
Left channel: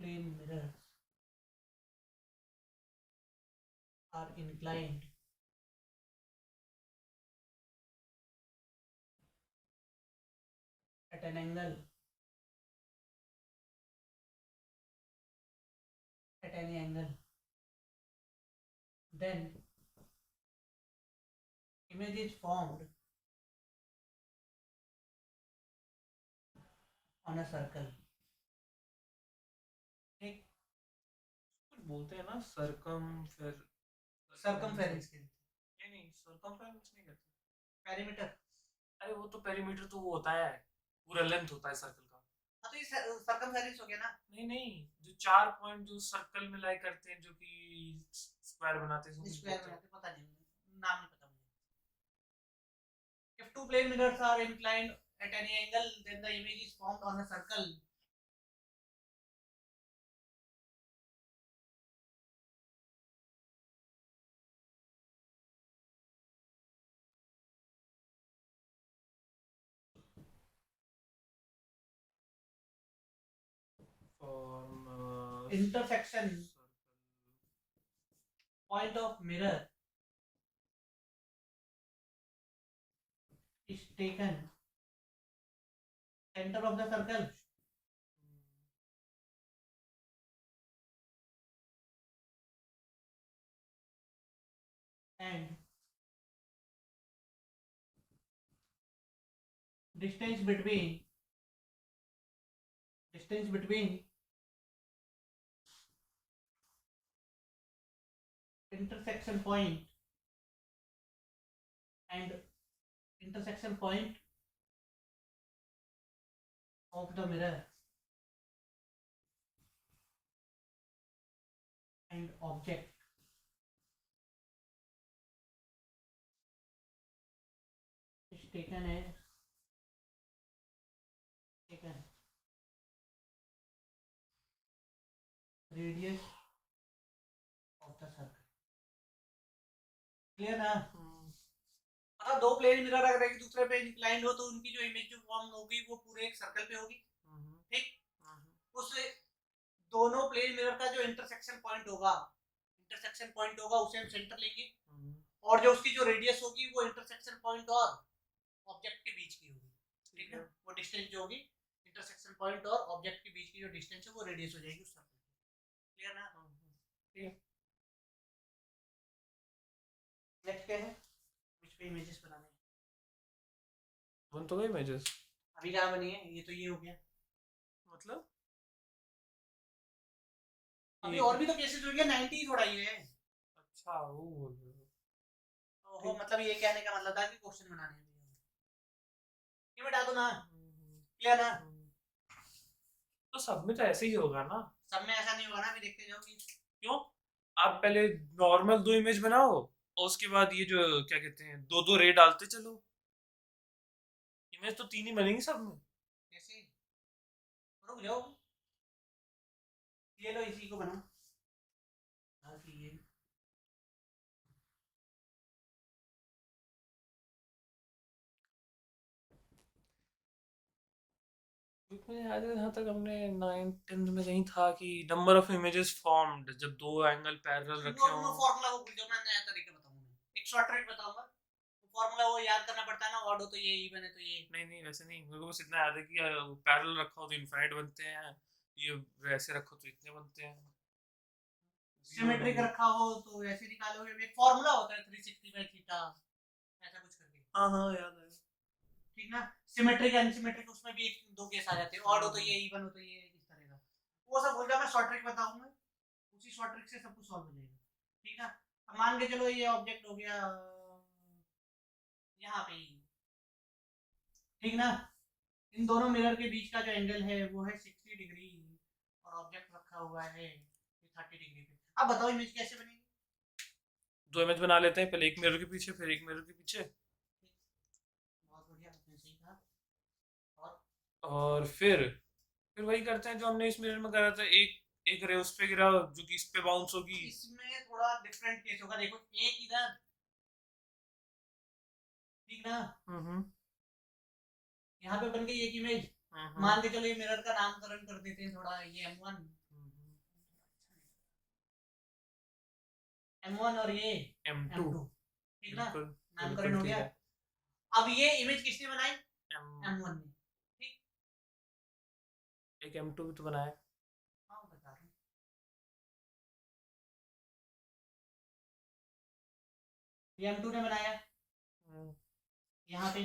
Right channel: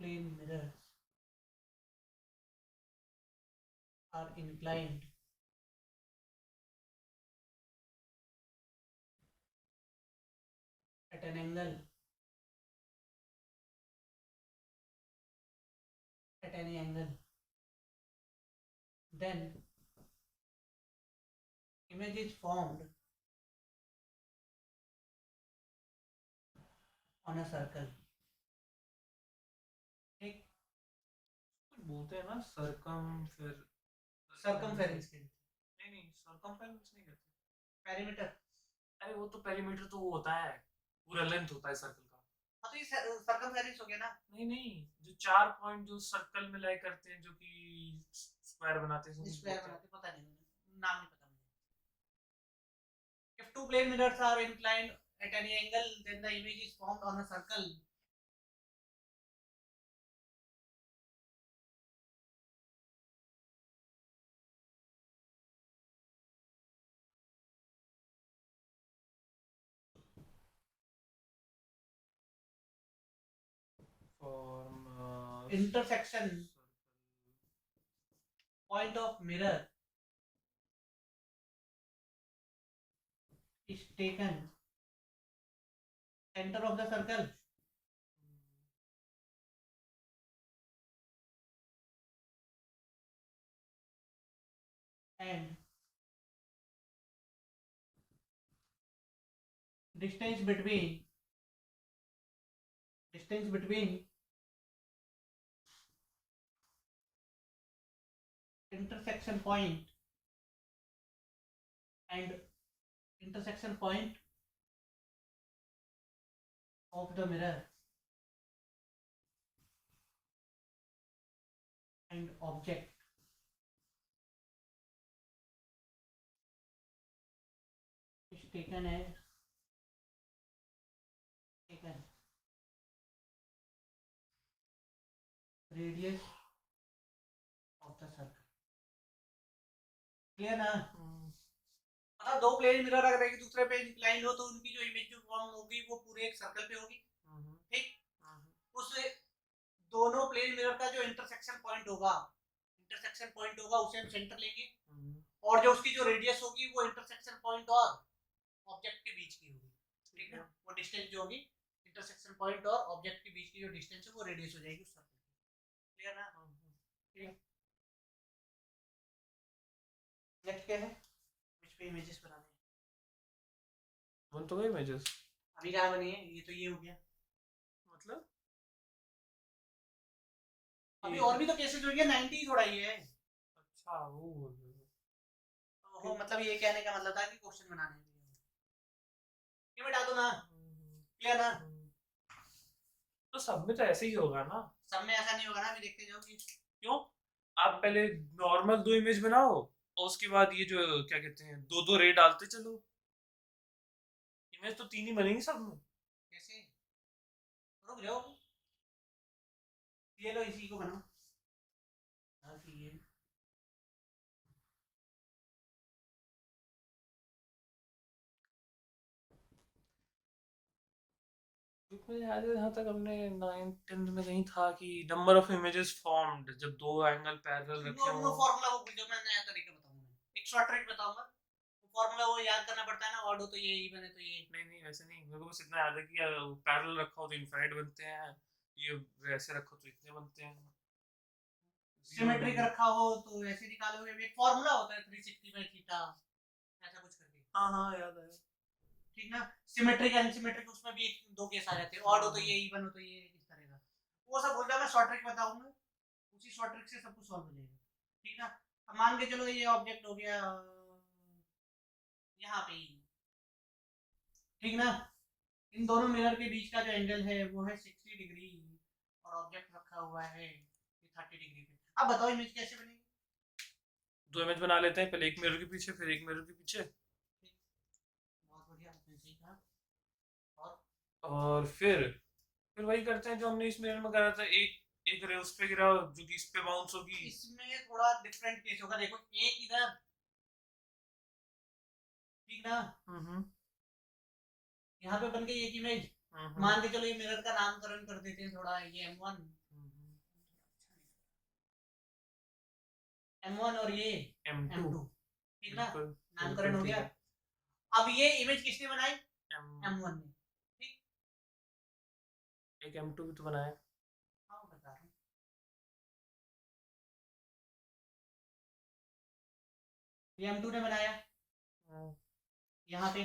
plane mirrors are inclined at an angle at any angle, then image is formed on a circle. ठीक, बोलते हैं ना सरकम फिर circumference के नहीं सरकमफेरेंस नहीं कहते। पेरीमीटर। अरे वो तो पेरीमीटर तो वो होता है, पूरा लेंथ होता है सर्कल का। हाँ तो ये circumference हो गया ना। नहीं जो 4 पॉइंट जो सर्कल में लाई करते हैं जो कि स्क्वायर बनाते हैं स्क्वायर बनाते, पता नहीं मुझे, नाम नहीं पता मुझे। If two plane mirrors are inclined at any angle, then the image is formed on a circle. Intersection point of mirror is taken center of the circle and distance between intersection point and intersection point of the mirror and object is taken radius of the circle. Clear ना? अगर दो plane mirror अगर एक दूसरे पे inclined हो तो उनकी जो इमेज जो फॉर्म होगी वो पूरे एक सर्कल पे होगी। ठीक, उससे दोनों प्लेन मिरर का जो इंटरसेक्शन पॉइंट होगा उसे हम सेंटर लेंगे और जो उसकी जो रेडियस होगी वो इंटरसेक्शन पॉइंट और ऑब्जेक्ट के बीच की होगी। ठीक है, वो डिस्टेंस जो होगी इंटरसेक्शन पॉइंट और ऑब्जेक्ट के बीच की जो डिस्टेंस है वो रेडियस हो जाएगी उस सर्कल की। क्लियर ना? ठीक है, नेक्स्ट क्या है? विच पे इमेजेस बनाने हैं? बन तो गए इमेजेस, अभी कहाँ बनी है? ये तो ये हो गया, मतलब अभी और भी तो केसेस हो गया, 90 ही थोड़ा ये है। अच्छा वो बोल रहे हो। वो मतलब ये कहने का मतलब था कि क्वेश्चन बनाने हैं, ये बता दो ना। क्लियर ना? तो सब में तो ऐसे ही होगा ना? सब में ऐसा नहीं होगा ना, अभी देखते जाओ कि क्यों। आप पहले नॉर्मल 2 इमेज बनाओ और उसके बाद ये जो क्या कहते हैं 2 रे डालते चलो, इमेज तो 3 ही बनेंगी सब में। कैसे? रुक जाओ, ये लो इसी को बनाओ ताकि ये मुझे याद है जहाँ तक हमने 9th 10th में कहीं था कि नंबर ऑफ इमेजेस फॉर्म्ड जब 2 एंगल पैरेलल रखे वो हो। फार्मूला वो भूल जाओ, मैं नया तरीका बताऊंगा, एक शॉर्ट ट्रिक बताऊंगा। वो फार्मूला वो याद करना पड़ता है ना, ऑड हो तो ये इवन है तो ये। नहीं वैसे नहीं, मेरे को बस इतना याद है कि पैरेलल रखा हो तो इनफाइनाइट बनते हैं, ये वैसे रखो तो इतने बनते हैं। सिमेट्रिक रखा हो तो ऐसे निकालोगे, एक फार्मूला होता है 360 बाय थीटा ऐसा कुछ करके। हाँ याद आया। ठीक ना? सिमेट्रिक अनसिमेट्रिक उसमें भी एक दो केस आ जाते हैं, ऑड हो तो ये इवन हो तो ये, इस तरह का वो सब भूल जा, मैं शॉर्ट ट्रिक बताऊंगा, उसी शॉर्ट ट्रिक से सब कुछ सॉल्व हो जाएगा। ठीक ना? अब मान के चलो ये ऑब्जेक्ट हो गया यहाँ पे ही, ठीक ना? इन दोनों मिरर के बीच का जो एंगल है वो है 60 डिग्री और ऑब्जेक्ट रखा हुआ है 30 डिग्री पे। अब बताओ इमेज कैसे बनेगी? 2 इमेज बना लेते हैं, पहले एक मिरर के पीछे फिर एक मिरर के पीछे। बहुत बढ़िया, आपने सही कहा। और फिर वही करते हैं जो हमने इस मिरर में करा था, एक एक रे उस पे गिरा जो कि इस पे बाउंस होगी। इसमें थोड़ा डिफरेंट केस होगा, देखो एक इधर, ठीक ना, यहाँ पे बन गई एक इमेज। मान के चलो ये मिरर का नामकरण कर देते हैं थोड़ा, ये M1, M1 और ये M2, ठीक ना, नामकरण हो गया। अब ये इमेज किसने बनाई? M1 ने, ठीक। एक M2 भी तो बनाया। हाँ बता रहा हूँ, ये M2 ने बनाया यहाँ पे,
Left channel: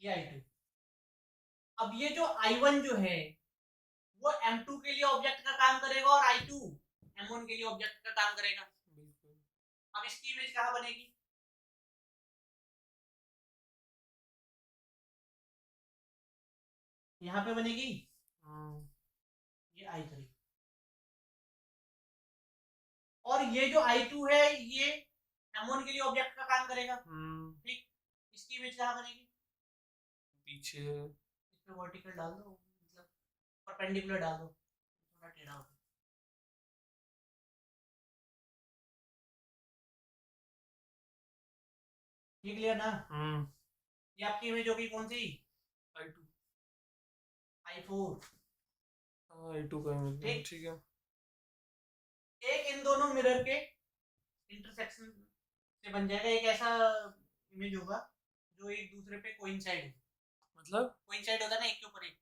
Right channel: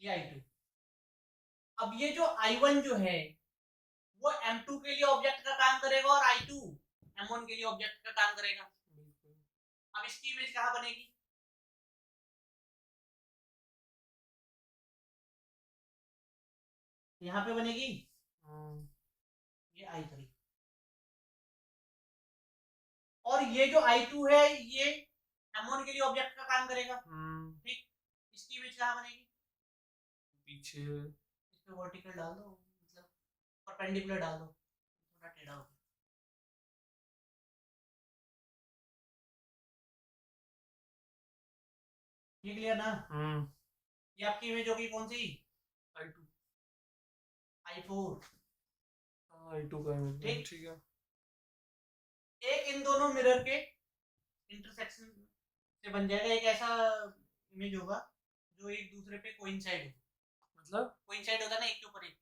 ये I2। अब ये जो I1 जो है वो M2 के लिए ऑब्जेक्ट का काम करेगा और I2 M1 के लिए ऑब्जेक्ट का काम करेगा। अब इसकी इमेज कहाँ बनेगी? यहाँ पे बनेगी, ये I3। और ये जो I2 है ये M1 के लिए ऑब्जेक्ट का काम करेगा, ठीक। इसकी इमेज कहाँ बनेगी? पीछे। इस पे वर्टिकल डाल दो, मतलब परपेंडिकुलर डाल दो, थोड़ा टेढ़ा हो। ये क्लियर ना? ये आपकी इमेज होगी कौन सी? I2। I4। I2 का ठीक। ठीक है। एक इन दोनों मिरर के इंटरसेक्शन से बन जाएगा एक ऐसा इमेज होगा जो एक दूसरे पे कोइंसाइड हो। मतलब कोइंसाइड होता ना, एक के ऊपर एक।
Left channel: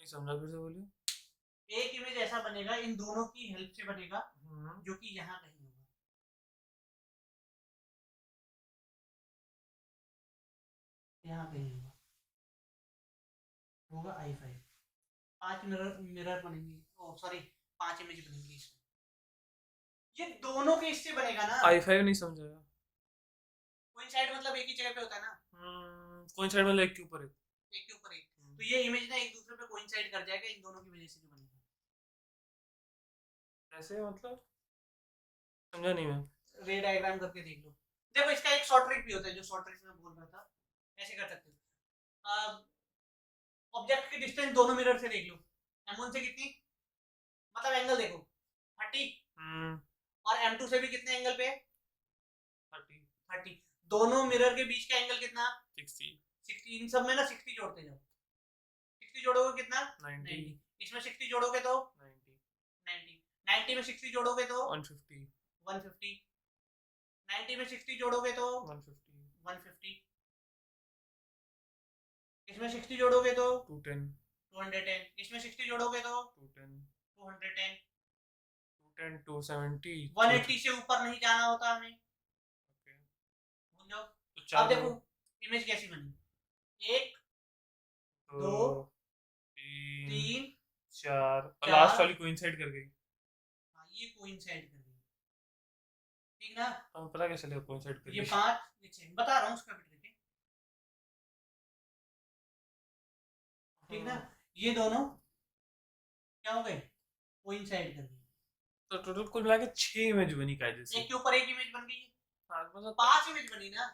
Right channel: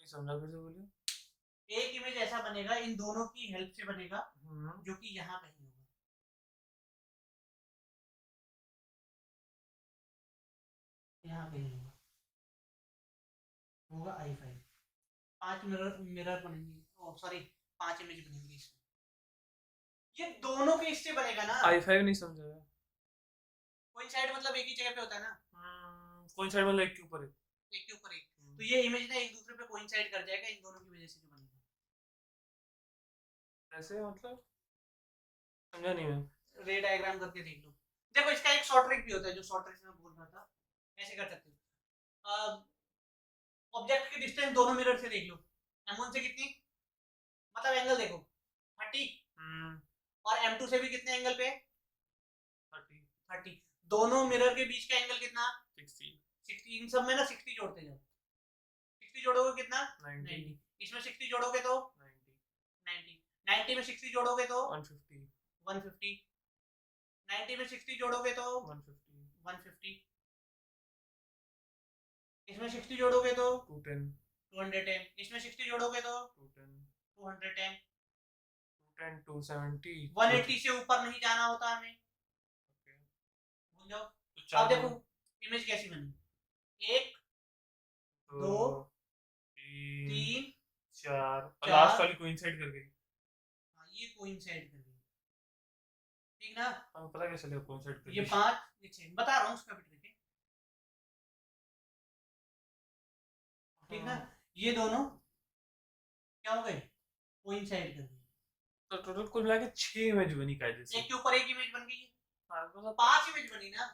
नहीं समझा, फिर से बोलिए। एक इमेज ऐसा बनेगा, इन दोनों की हेल्प से बनेगा, जो कि यहाँ कहीं होगा, यहाँ कहीं होगा, होगा I5। 5 मिरर मिरर बनेंगे, ओ सॉरी 5 इमेज बनेंगी इसमें। ये दोनों के इससे बनेगा ना। I5 नहीं समझाया। कोइंसाइड मतलब एक ही जगह पे होता है ना, कोइंसाइड मतलब एक के ऊपर एक। एक के ऊपर एक। तो ये इमेज ना एक दूसरे पे कोइंसाइड कर जाएगा, इन दोनों की वजह से जो बनेगा। ऐसे मतलब समझा नहीं मैं। रे डायग्राम करके देख लो। देखो इसका एक शॉर्ट ट्रिक भी होता है, जो शॉर्ट ट्रिक में बोल रहा था, ऐसे कर सकते हो। ऑब्जेक्ट की डिस्टेंस दोनों मिरर से देख लो, M1 से कितनी, मतलब एंगल देखो 30, और M2 से भी कितने एंगल पे? 30। दोनों मिरर के बीच का एंगल कितना? 60। इन सब में ना 60 जोड़ते जाओ, 60 जोड़ोगे कितना? 90। इसमें 60 जोड़ोगे तो 90। 90 में 60 जोड़ोगे तो 150। 150। 90 में 60 जोड़ोगे तो 150। 150। इसमें 60 जोड़ोगे तो 210। 210। इसमें 60 जोड़ोगे तो 210। 210। 210 270 180 से ऊपर नहीं जाना होता हमें, भूल जाओ। तो अब देखो इमेज कैसी बनी, 1 2 3 4 4। लास्ट वाली कोइंसाइड कर गई। हाँ, ये कोइंसाइड कर गई, ठीक ना। अब पता कैसे चलेगा कोइंसाइड कर ये गई? 5 ये 6 बता रहा हूँ उसका भी ट्रिक है, ठीक ना। ये दोनों क्या हो गए? कोइंसाइड कर गए, तो टोटल कुल मिला के 6 इमेज बनी कायदे से। एक के ऊपर एक इमेज बन गई। हाँ मतलब 5 इमेज बनी ना।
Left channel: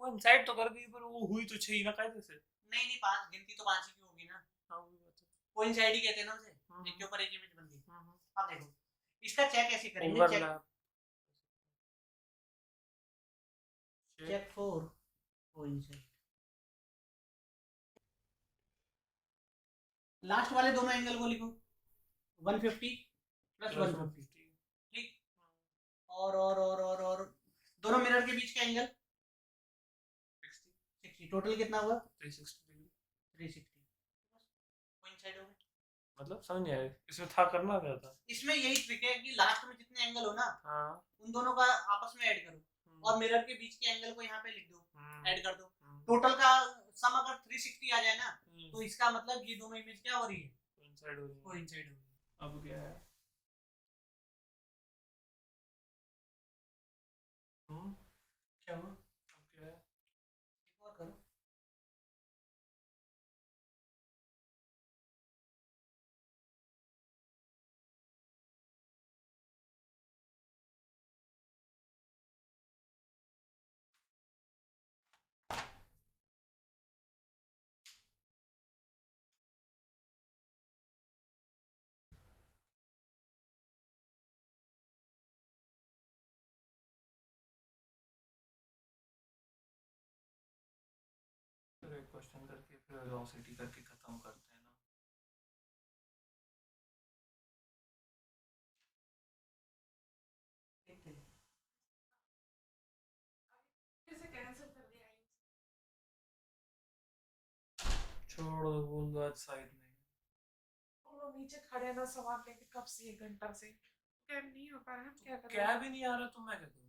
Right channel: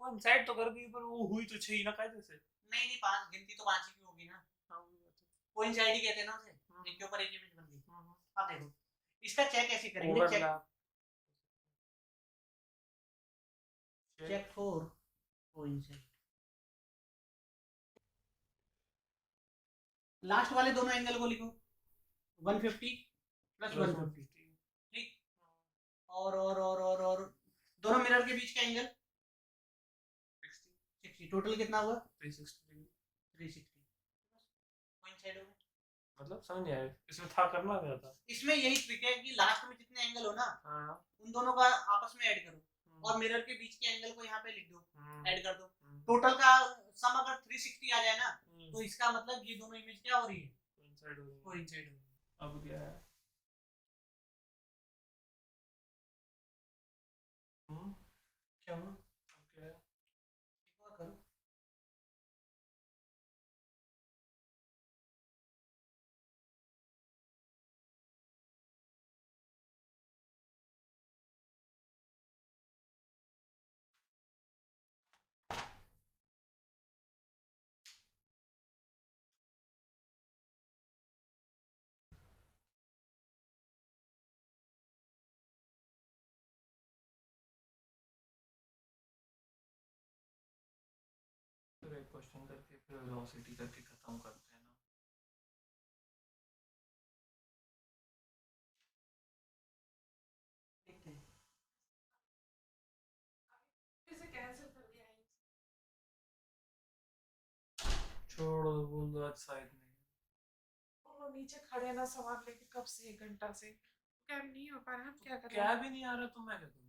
कोइंसाइड तो कर गई पर वो हुई तो 6 ही ना कायदे से। नहीं नहीं, 5 गिनती तो 5 ही की होगी ना, हाँ वही बात है। कोइंसाइड ही कहते हैं ना उसे, एक के ऊपर एक इमेज बन गई। अब देखो इसका चेक कैसे करेंगे, चेक फॉर कोइंसाइड। लास्ट वाले दोनों एंगल को लिखो, 150 प्लस 150, ठीक। और दोनों मिरर के बीच का एंगल 60, टोटल कितना हुआ? 360। 360। कोइंसाइड हो गए। मतलब समझ नहीं आया इसमें था करना क्या था? इसमें यही ट्रिक है कि लास्ट में जितने एंगल हो ना, उन दोनों का आपस में ऐड करो, और मिरर के बीच के एंगल को यहाँ पे लिख दो, ऐड कर दो। टोटल का सम अगर 360 आ जाए ना, तो इसका मतलब ये दोनों इमेज क्या हो रही है? कोइंसाइड हो रही है। कोइंसाइड हो रही है। अब क्या है? क्या हुआ? अब क्या है? एक और करो। एक क्वेश्चन करके फिर वेलोसिटी करके खत्म करते हैं ना। देखते हैं। इसे कैंसिल कर दिया है। छोड़ दो, बोल दो आज साइड में। तुम लोग नीचे खड़े हैं ना सामान लेके कब से 1 घंटा से कैब नहीं हो पा रहा, हम क्या करें? कैब ही नहीं आ रहा तो मैं क्या करूं?